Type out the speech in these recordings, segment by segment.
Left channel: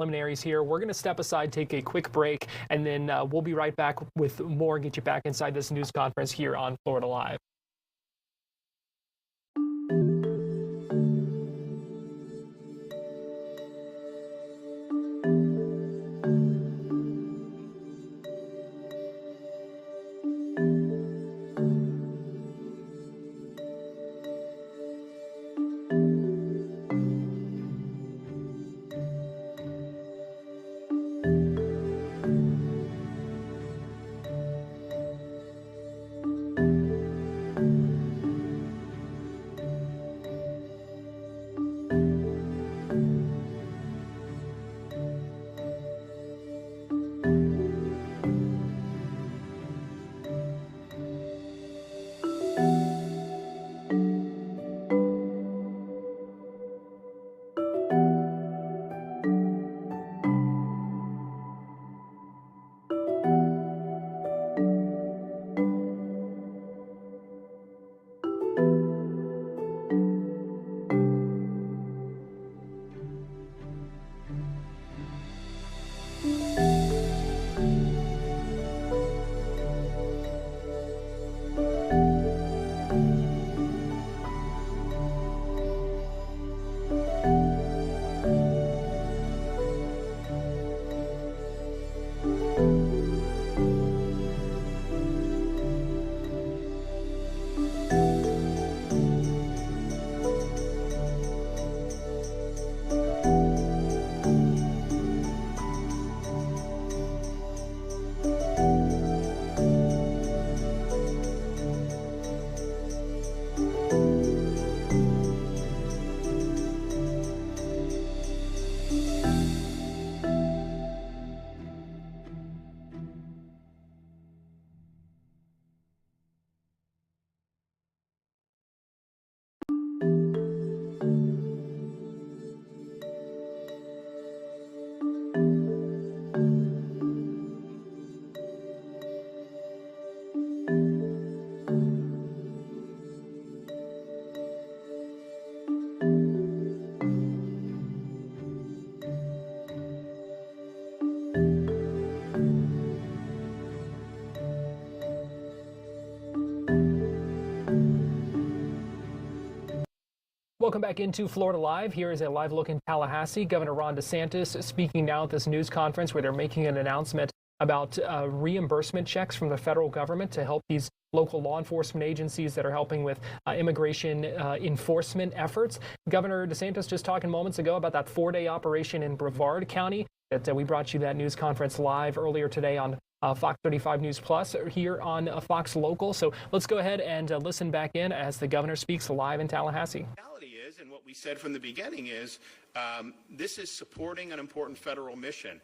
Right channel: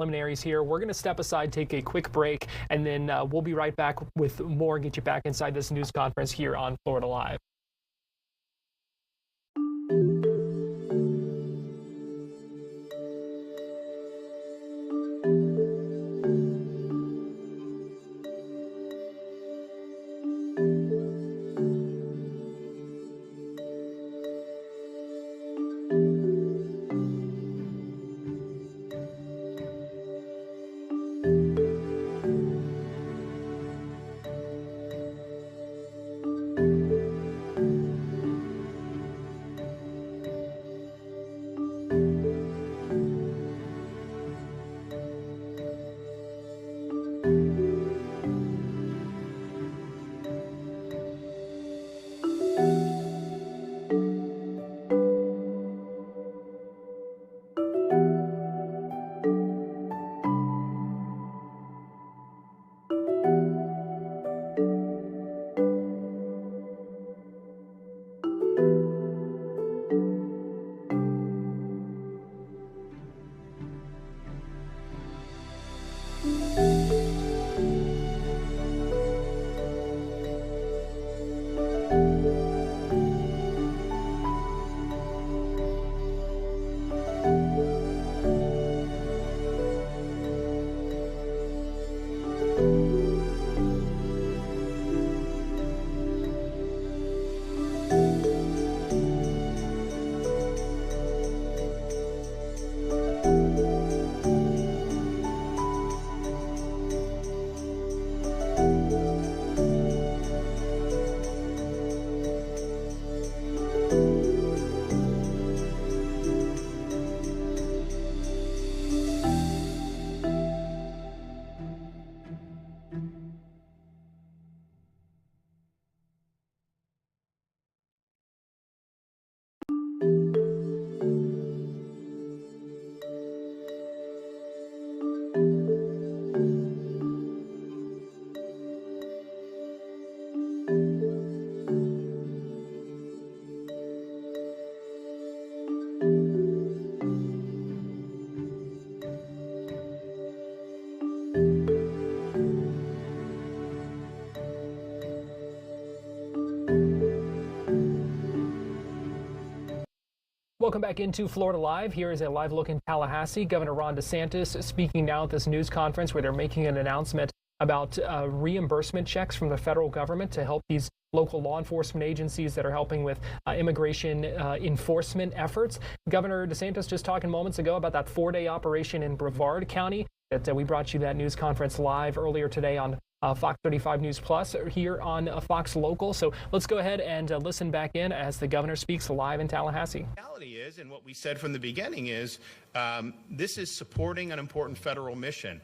preliminaries here. We're going to step aside, take a quick break, and then we'll be right back with more and get you back inside this news conference here on Florida Live. Welcome back into Florida Live. Here is a live look in Tallahassee. Governor Ron DeSantis speaking now at this news conference where they're making an announcement about reimbursement checks from the federal government to help these local law enforcement agencies that are helping with immigration enforcement efforts. Governor DeSantis just talking moments ago about that 4-day operation in Brevard County that we brought you that news conference live earlier today on Fox 35 News Plus here on Fox Local. So let's go ahead and listen back in as the governor speaks live in Tallahassee. And what we said from the beginning is this is supporting an important federal mission.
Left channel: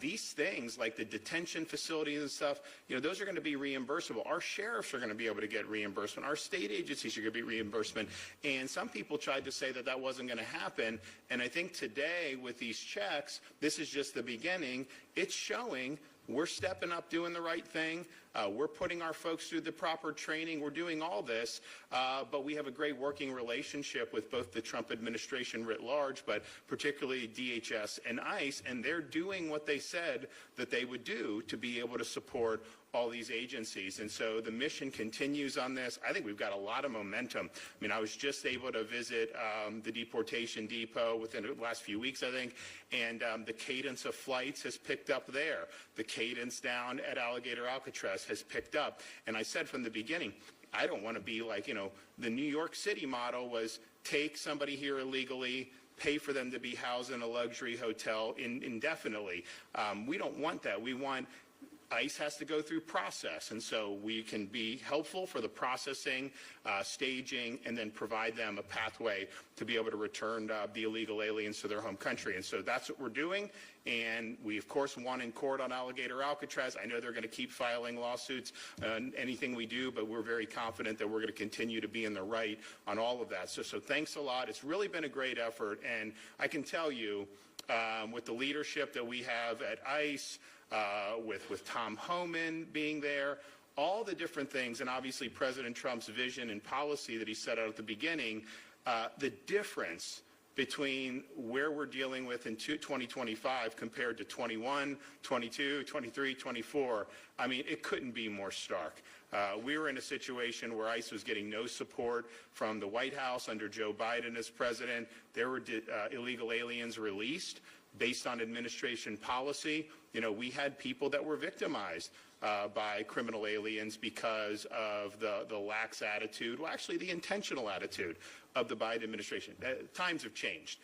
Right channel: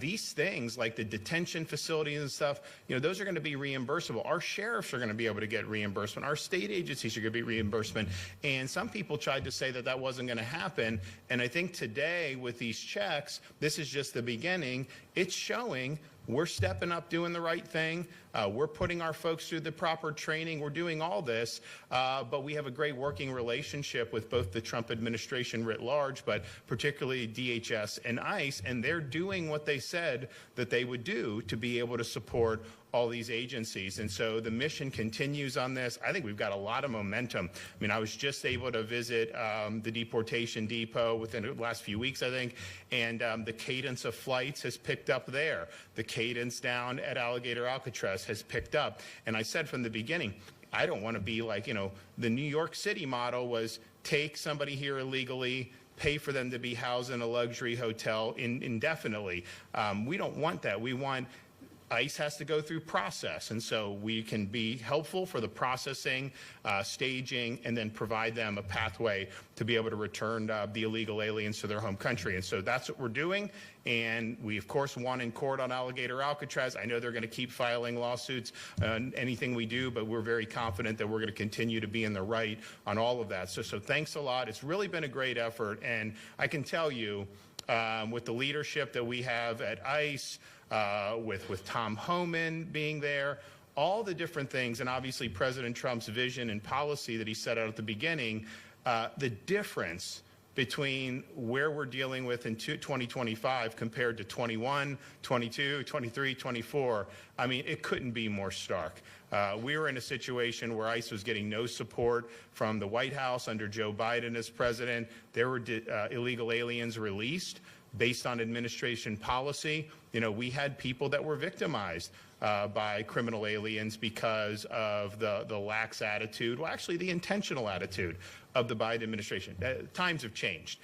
These things like the detention facilities and stuff, those are going to be reimbursable. Our sheriffs are going to be able to get reimbursement. Our state agencies are going to be reimbursement. And some people tried to say that that wasn't going to happen. And I think today with these checks, this is just the beginning. It's showing we're stepping up, doing the right thing. We're putting our folks through the proper training. We're doing all this, but we have a great working relationship with both the Trump administration writ large, but particularly DHS and ICE, and they're doing what they said that they would do to be able to support all these agencies. And so the mission continues on this. I think we've got a lot of momentum. I mean, I was just able to visit the deportation depot within the last few weeks, I think, and the cadence of flights has picked up there. The cadence down at Alligator Alcatraz has picked up. And I said from the beginning, I don't want to be like, the New York City model was take somebody here illegally, pay for them to be housed in a luxury hotel indefinitely. We don't want that. We want ICE has to go through process, and so we can be helpful for the processing, staging, and then provide them a pathway to be able to return the illegal aliens to their home country. And so that's what we're doing, and we, of course, won in court on Alligator Alcatraz. I know they're going to keep filing lawsuits on anything we do, but we're very confident that we're going to continue to be in the right on all of that. So thanks a lot. It's really been a great effort, and I can tell you, with the leadership that we have at ICE, with Tom Homan being there, all the different things, and obviously President Trump's vision and policy that he set out at the beginning, the difference between where we're dealing with in 2025 compared to 21, 22, 23, 24, I mean, it couldn't be more stark. We were in a situation where ICE was getting no support from the White House under Joe Biden as president. There were illegal aliens released based on administration policy. You know, we had people that were victimized by criminal aliens because of the lax attitude, well, actually the intentional attitude of the Biden administration. Times have changed.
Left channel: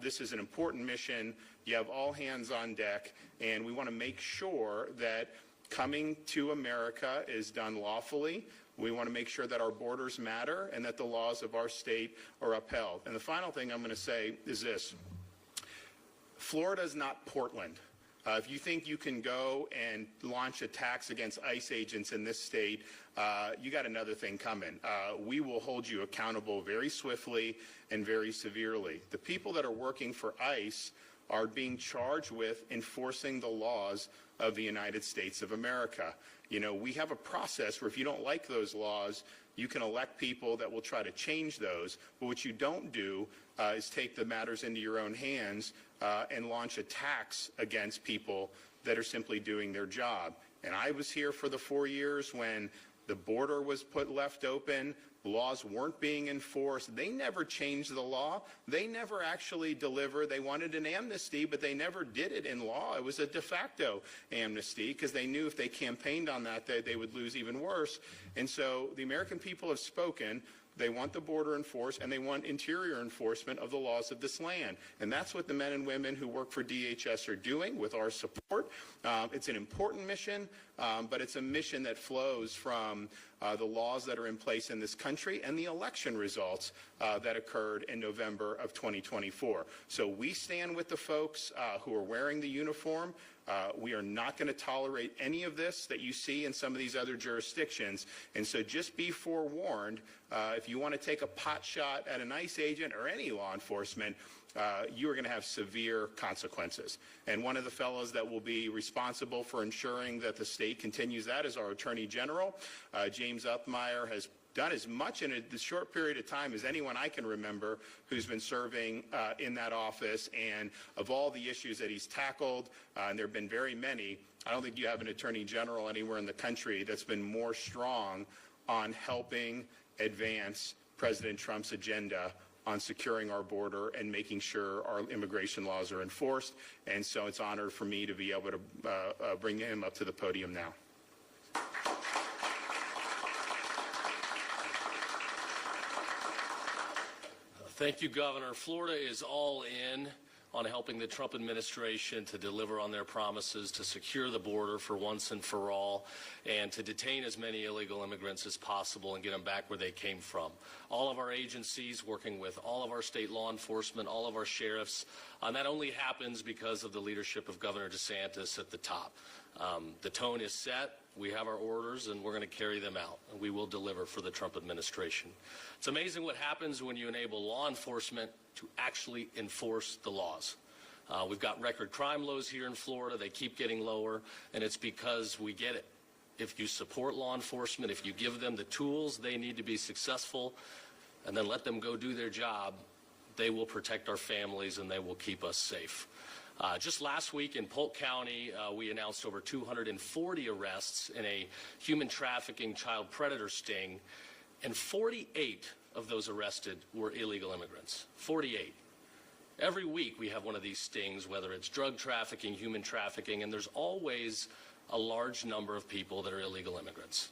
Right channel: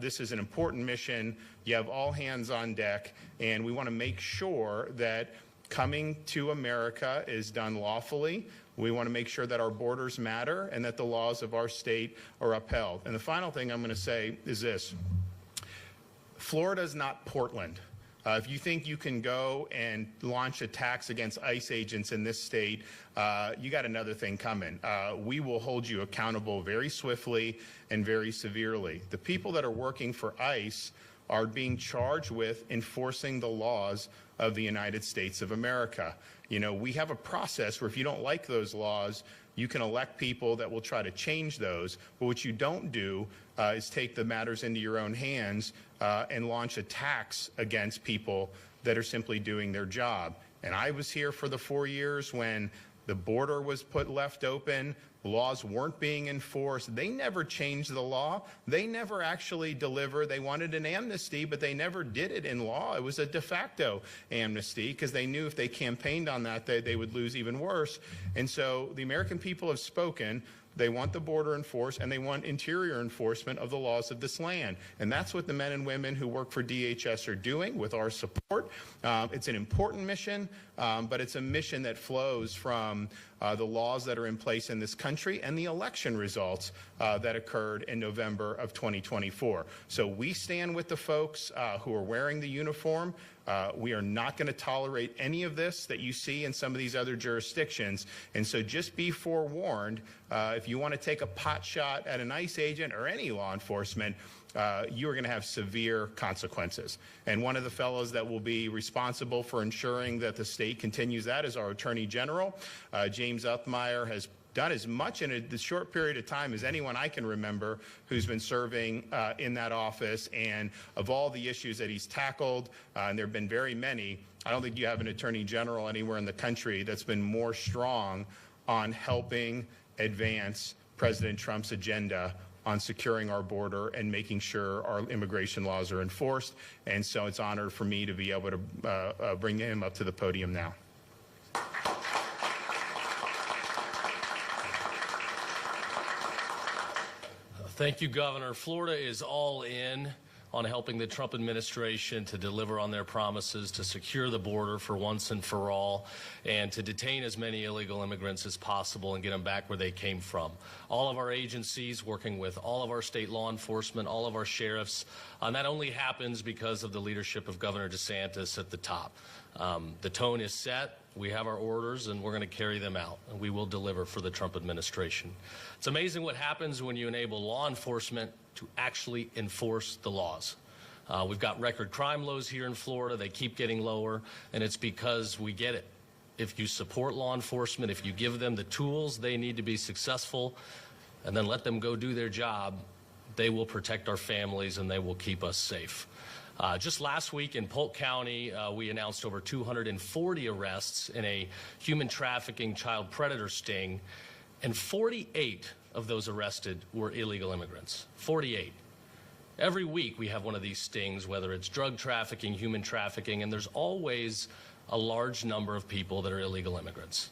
This is an important mission. You have all hands on deck, and we want to make sure that coming to America is done lawfully. We want to make sure that our borders matter and that the laws of our state are upheld. And the final thing I'm going to say is this. Florida is not Portland. If you think you can go and launch attacks against ICE agents in this state, you got another thing coming. We will hold you accountable very swiftly and very severely. The people that are working for ICE are being charged with enforcing the laws of the United States of America. You know, we have a process where if you don't like those laws, you can elect people that will try to change those. But what you don't do is take the matters into your own hands and launch attacks against people that are simply doing their job. And I was here for the 4 years when the border was left open, laws weren't being enforced. They never changed the law. They never actually delivered. They wanted an amnesty, but they never did it in law. It was a de facto amnesty because they knew if they campaigned on that, they would lose even worse. And so the American people have spoken. They want the border enforced, and they want interior enforcement of the laws of this land. And that's what the men and women who work for DHS are doing with our support. It's an important mission, but it's a mission that flows from the laws that are in place in this country and the election results that occurred in November of 2024. So we stand with the folks who are wearing the uniform. We are not going to tolerate any of this that you see in some of these other jurisdictions. And so just be forewarned, if you want to take a pot shot at an ICE agent or any law enforcement, you are going to have severe consequences. And one of the fellows that will be responsible for ensuring that the state continues that is our Attorney General. James Uthmeyer has done as much in a short period of time as anyone I can remember who's been serving in that office. And of all the issues that he's tackled, and there have been very many, I don't think you have an Attorney General anywhere in the country that's been more strong on helping advance President Trump's agenda on securing our border and making sure our immigration laws are enforced. And so it's an honor for me to be able to bring him up to the podium now. Thank you, Governor. Florida is all in on helping the Trump administration to deliver on their promises to secure the border for once and for all and to detain as many illegal immigrants as possible and get them back where they came from. All of our agencies working with all of our state law enforcement, all of our sheriffs, and that only happens because of the leadership of Governor DeSantis at the top. The tone is set. We have our orders, and we're going to carry them out, and we will deliver for the Trump administration. It's amazing what happens when you enable law enforcement to actually enforce the laws. We've got record crime lows here in Florida. They keep getting lower, and it's because we get it. If you support law enforcement, if you give them the tools they need to be successful, and then let them go do their job, they will protect our families and they will keep us safe. Just last week in Polk County, we announced over 240 arrests in a human trafficking child predator sting, and 48 of those arrested were illegal immigrants. 48. Every week we have one of these stings, whether it's drug trafficking, human trafficking, and there's always a large number of people that are illegal immigrants.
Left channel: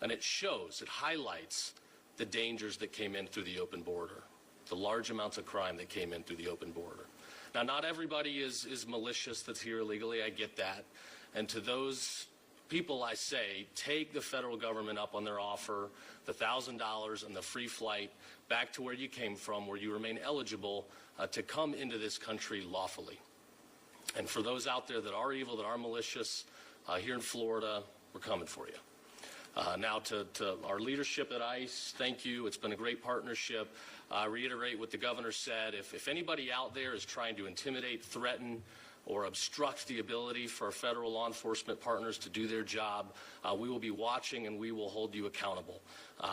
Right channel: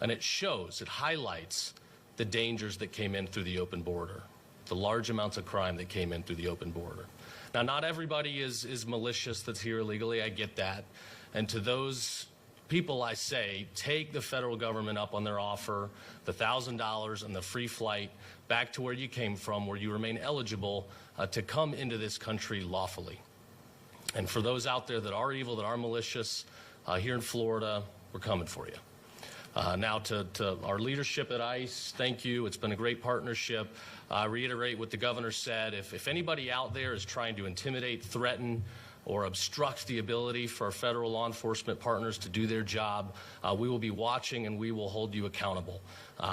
And it shows, it highlights the dangers that came in through the open border, the large amounts of crime that came in through the open border. Now, not everybody is malicious that's here illegally. I get that. And to those people, I say, take the federal government up on their offer, the $1,000 and the free flight back to where you came from, where you remain eligible to come into this country lawfully. And for those out there that are evil, that are malicious, here in Florida, we're coming for you. Now, to our leadership at ICE, thank you. It's been a great partnership. I reiterate what the governor said. If anybody out there is trying to intimidate, threaten, or obstruct the ability for federal law enforcement partners to do their job, we will be watching and we will hold you accountable.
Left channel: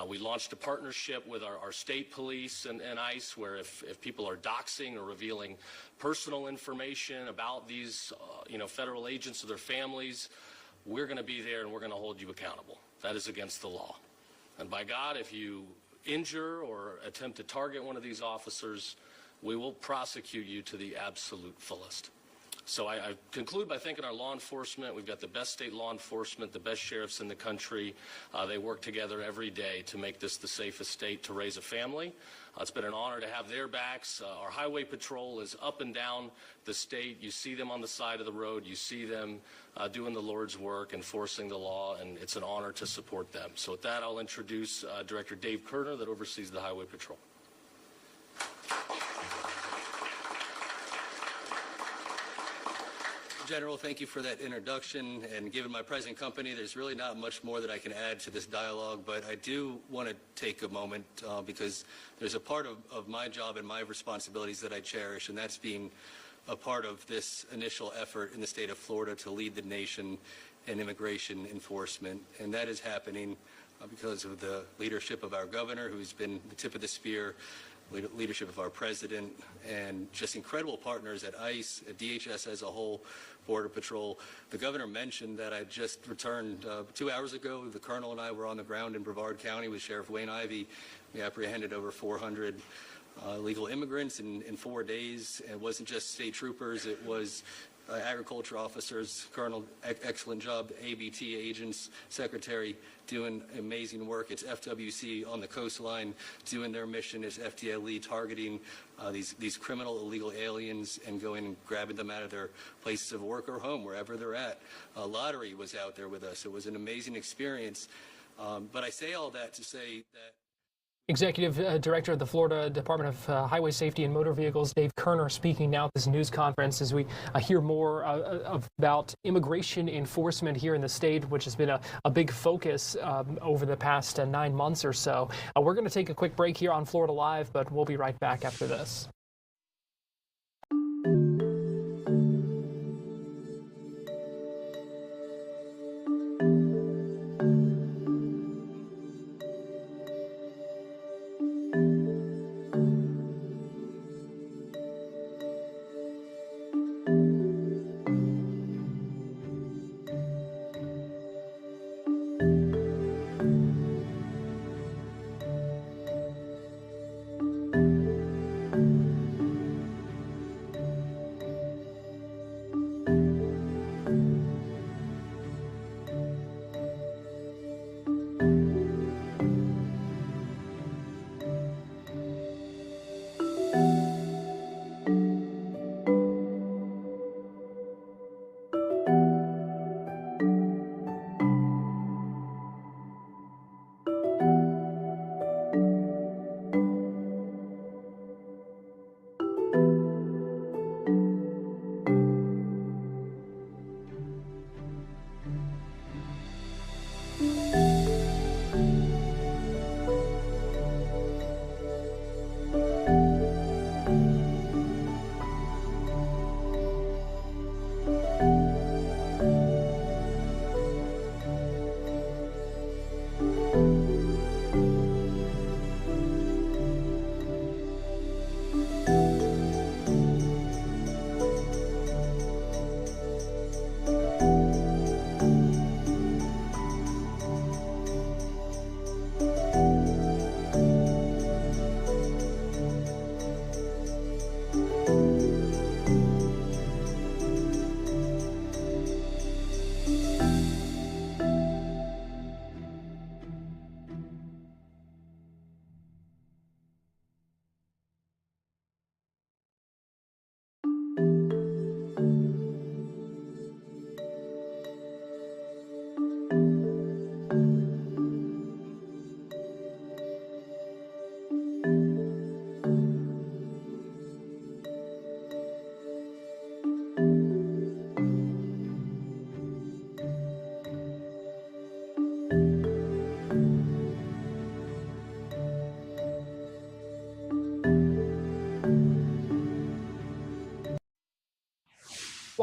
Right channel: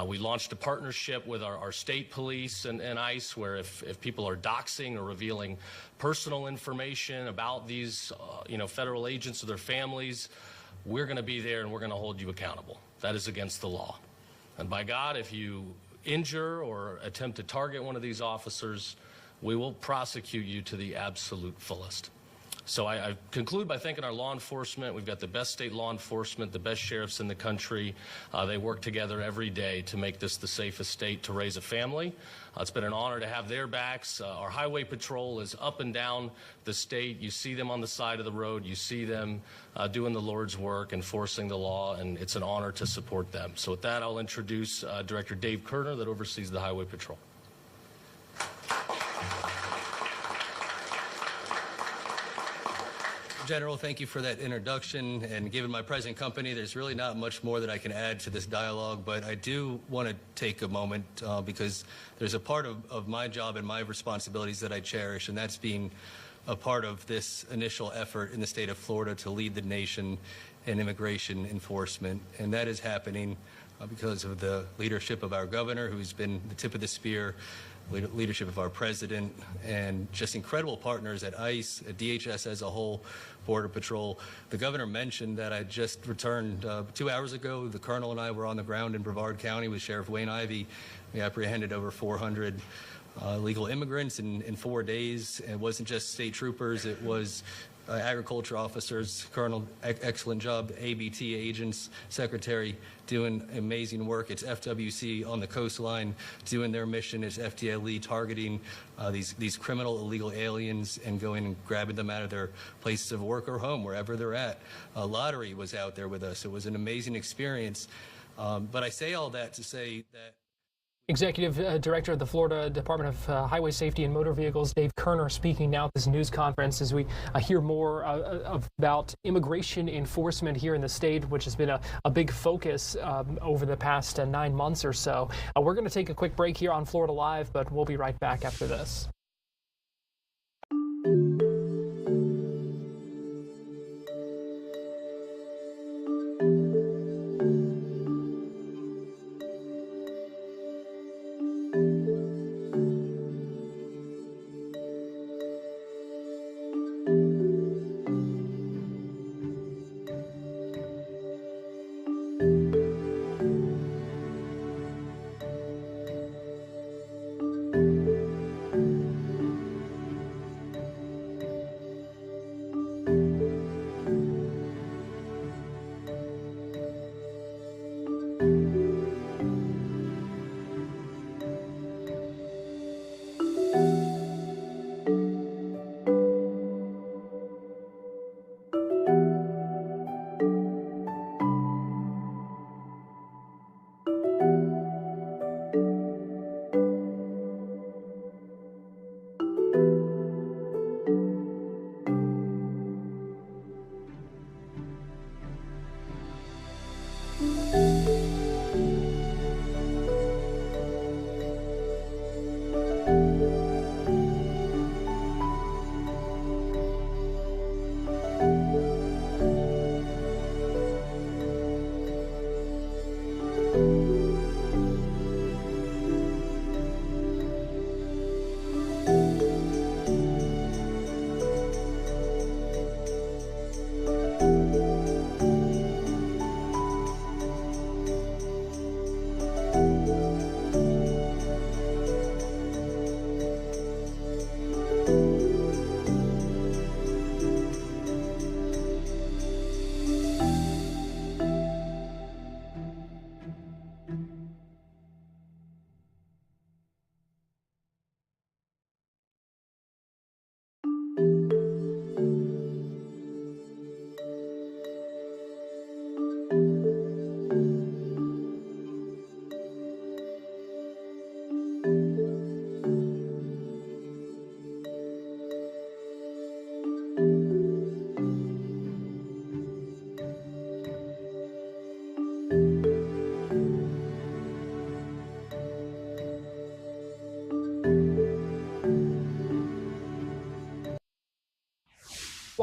We launched a partnership with our state police and ICE where if people are doxing or revealing personal information about these federal agents or their families, we're going to be there and we're going to hold you accountable. That is against the law. And by God, if you injure or attempt to target one of these officers, we will prosecute you to the absolute fullest. So I conclude by thanking our law enforcement. We've got the best state law enforcement, the best sheriffs in the country. They work together every day to make this the safest state to raise a family. It's been an honor to have their backs. Our highway patrol is up and down the state. You see them on the side of the road. You see them doing the Lord's work, enforcing the law, and it's an honor to support them. So with that, I'll introduce Director Dave Kerner that oversees the highway patrol. General, thank you for that introduction. And given my present company, there's really not much more that I can add to this dialogue, but I do want to take a moment because there's a part of my job and my responsibilities that I cherish, and that's being a part of this initial effort in the state of Florida to lead the nation in immigration enforcement. And that is happening because of the leadership of our governor, who's been the tip of the spear, leadership of our president, and just incredible partners at ICE, at DHS as a whole, Border Patrol. The governor mentioned that I just returned 2 hours ago. The colonel and I were on the ground in Brevard County with Sheriff Wayne Ivey. We apprehended over 400 illegal immigrants in 4 days. It wasn't just state troopers. It was agriculture officers, Colonel, excellent job, ABT agents, Secretary doing amazing work. It's FWC on the coastline doing their mission. It's FDLE targeting these criminal illegal aliens and going and grabbing them out of their places of work or home, wherever they're at. Lottery was out there with us. It was an amazing experience. But I say all that to say that Executive Director of the Florida Department of Highway Safety and Motor Vehicles, Dave Kerner, speaking now at this news conference as we hear more about immigration enforcement here in the state, which has been a big focus over the past 9 months or so. We're going to take a quick break here on Florida Live, but we'll be right back after this.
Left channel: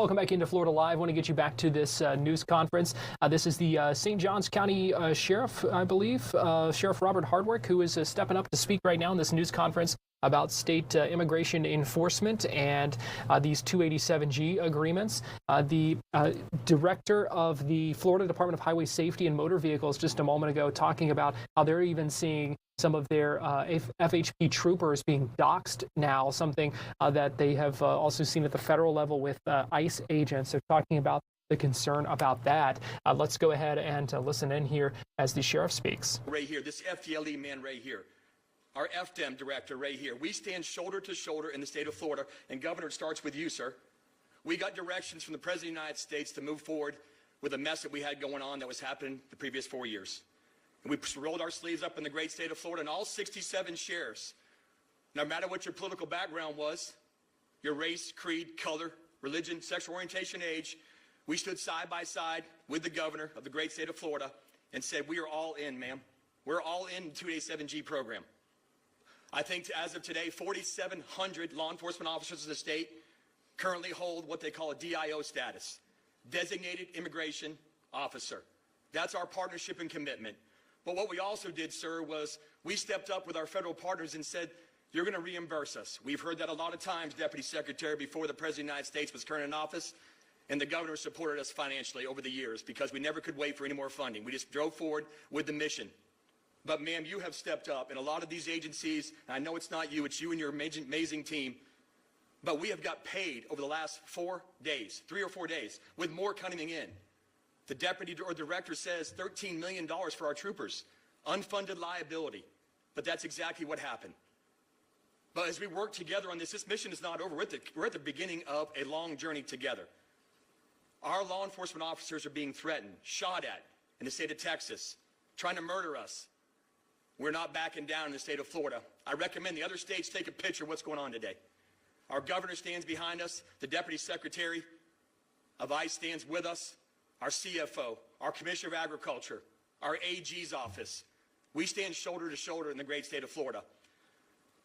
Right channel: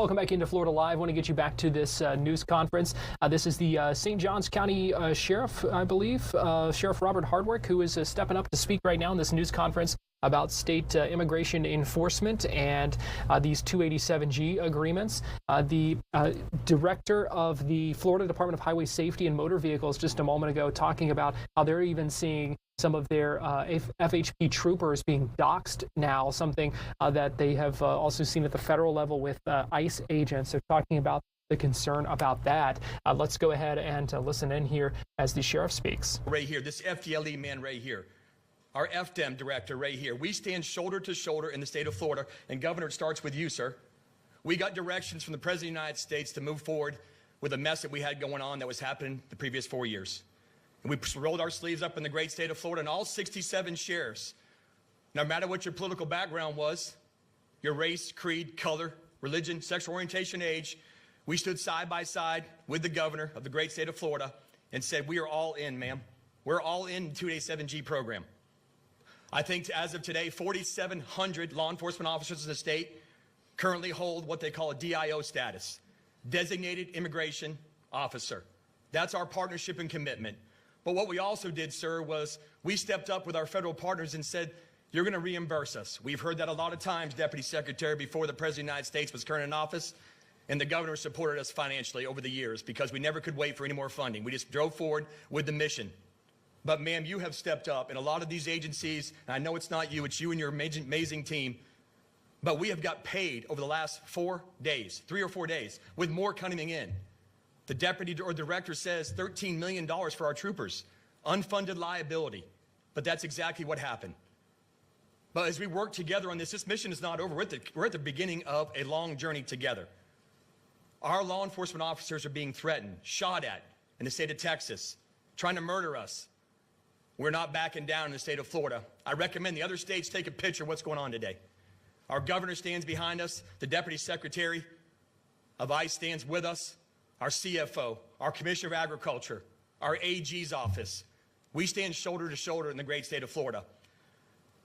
Welcome back into Florida Live. I want to get you back to this news conference. This is the St. Johns County Sheriff, I believe, Sheriff Robert Hardwick, who is stepping up to speak right now in this news conference about state immigration enforcement and these 287G agreements. The director of the Florida Department of Highway Safety and Motor Vehicles just a moment ago talking about how they're even seeing some of their FHP troopers being doxxed now, something that they have also seen at the federal level with ICE agents. They're talking about the concern about that. Let's go ahead and listen in here as the sheriff speaks. Right here, this FDLE man right here, our FDEM director right here. We stand shoulder to shoulder in the state of Florida, and Governor, it starts with you, sir. We got directions from the President of the United States to move forward with a mess that we had going on that was happening the previous 4 years. And we rolled our sleeves up in the great state of Florida, and all 67 sheriffs, no matter what your political background was, your race, creed, color, religion, sexual orientation, age, we stood side by side with the governor of the great state of Florida and said, we are all in, ma'am. We're all in the 287G program. I think as of today, 4,700 law enforcement officers in the state currently hold what they call a DIO status, Designated Immigration Officer. That's our partnership and commitment. But what we also did, sir, was we stepped up with our federal partners and said, you're going to reimburse us. We've heard that a lot of times, Deputy Secretary, before the President of the United States was current in office, and the governor supported us financially over the years because we never could wait for any more funding. We just drove forward with the mission. But, ma'am, you have stepped up, and a lot of these agencies, and I know it's not you, it's you and your amazing team, but we have got paid over the last 4 days, 3 or 4 days, with more coming in. The deputy or director says $13 million for our troopers, unfunded liability, but that's exactly what happened. But as we work together on this mission is not over. We're at the beginning of a long journey together. Our law enforcement officers are being threatened, shot at in the state of Texas, trying to murder us. We're not backing down in the state of Florida. I recommend the other states take a picture of what's going on today. Our governor stands behind us. The deputy secretary of ICE stands with us. Our CFO, our commissioner of agriculture, our AG's office. We stand shoulder to shoulder in the great state of Florida.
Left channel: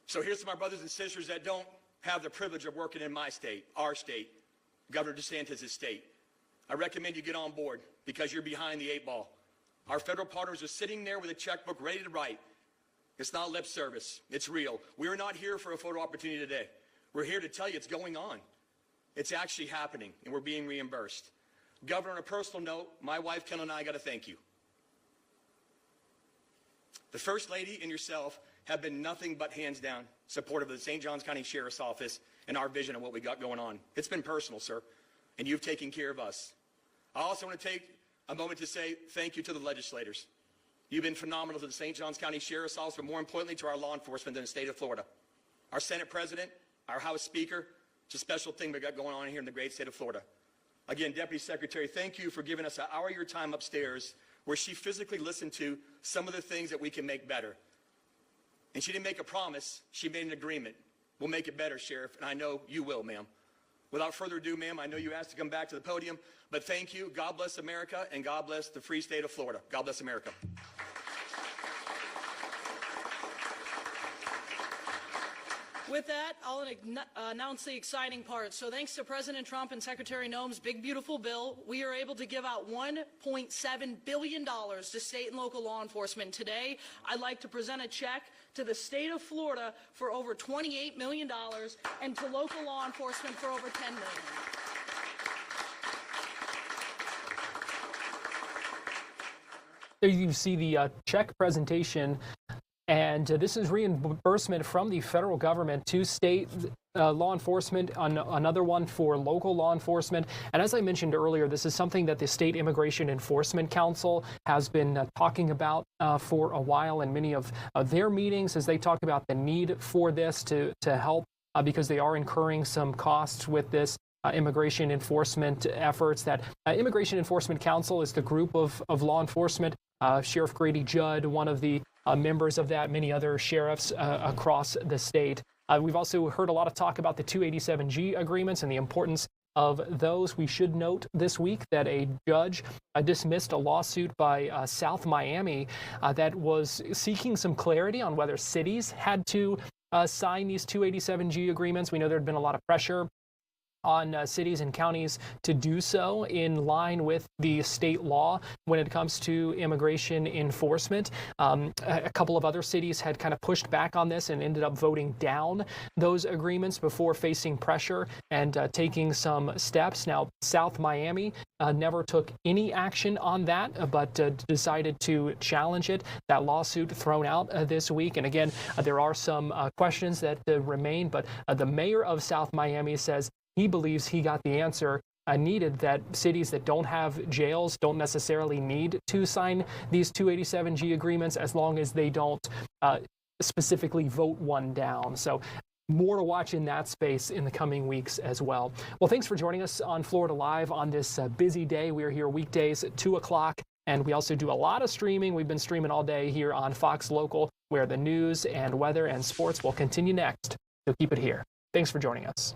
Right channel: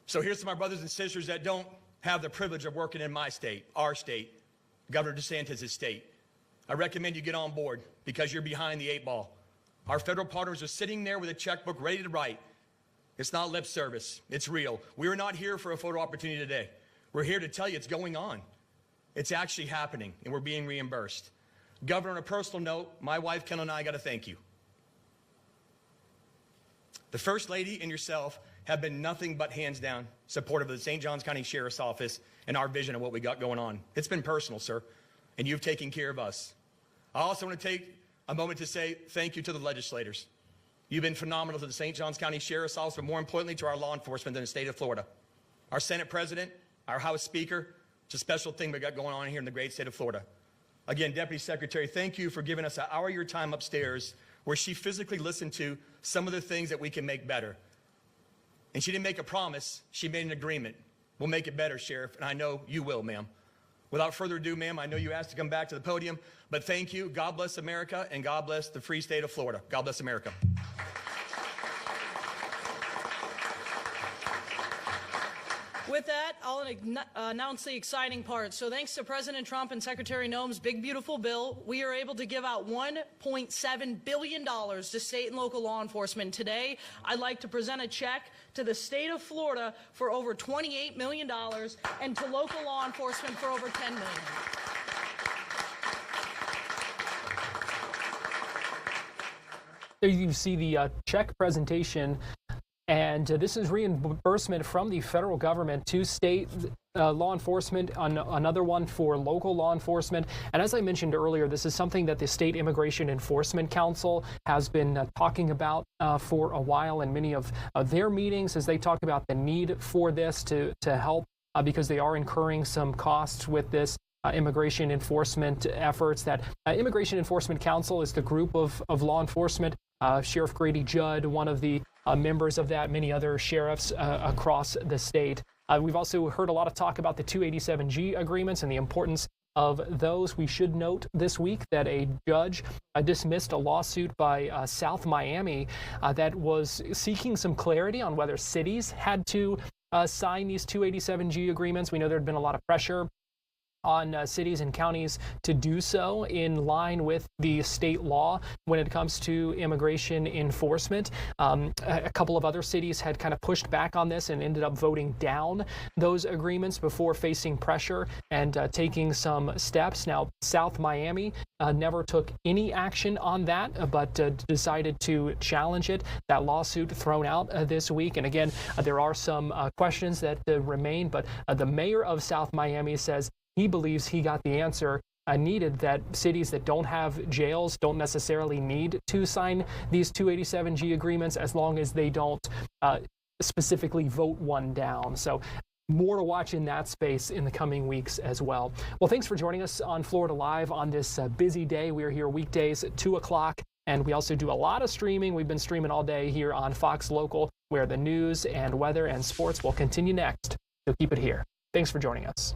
So here's to my brothers and sisters that don't have the privilege of working in my state, our state, Governor DeSantis' state. I recommend you get on board because you're behind the 8 ball. Our federal partners are sitting there with a checkbook ready to write. It's not lip service. It's real. We're not here for a photo opportunity today. We're here to tell you it's going on. It's actually happening, and we're being reimbursed. Governor, on a personal note, my wife, Kendall, and I got to thank you. The First Lady and yourself have been nothing but hands down supportive of the St. Johns County Sheriff's Office and our vision of what we got going on. It's been personal, sir, and you've taken care of us. I also want to take a moment to say thank you to the legislators. You've been phenomenal to the St. Johns County Sheriff's Office, but more importantly to our law enforcement in the state of Florida. Our Senate President, our House Speaker, it's a special thing we got going on here in the great state of Florida. Again, Deputy Secretary, thank you for giving us an hour of your time upstairs where she physically listened to some of the things that we can make better. And she didn't make a promise, she made an agreement. We'll make it better, Sheriff, and I know you will, ma'am. Without further ado, ma'am, I know you asked to come back to the podium, but thank you. God bless America, and God bless the free state of Florida. God bless America. With that, I'll announce the exciting part. So thanks to President Trump and Secretary Noem's big, beautiful bill, we are able to give out $1.7 billion to state and local law enforcement. Today, I'd like to present a check to the state of Florida for over $28 million and to local law enforcement for over $10 million. There you see the check presentation. And this is reimbursement from the federal government to state law enforcement, another one for local law enforcement. And as I mentioned earlier, this is something that the State Immigration Enforcement Council has been talking about for a while in many of their meetings as they talk about the need for this to help because they are incurring some costs with this. Immigration enforcement efforts. That Immigration Enforcement Council is the group of law enforcement. Sheriff Grady Judd, one of the members of that, many other sheriffs across the state. We've also heard a lot of talk about the 287G agreements and the importance of those. We should note this week that a judge dismissed a lawsuit by South Miami that was seeking some clarity on whether cities had to sign these 287G agreements. We know there had been a lot of pressure on cities and counties to do so in line with the state law when it comes to immigration enforcement. A couple of other cities had kind of pushed back on this and ended up voting down those agreements before facing pressure and taking some steps. Now, South Miami never took any action on that, but decided to challenge it. That lawsuit thrown out this week. And again, there are some questions that remain, but the mayor of South Miami says he believes he got the answer needed, that cities that don't have jails don't necessarily need to sign these 287G agreements as long as they don't specifically vote one down. So more to watch in that space in the coming weeks as well. Well, thanks for joining us on Florida Live on this busy day. We are here weekdays at 2 o'clock, and we also do a lot of streaming. We've been streaming all day here on Fox Local, where the news and weather and sports will continue next. So keep it here. Thanks for joining us.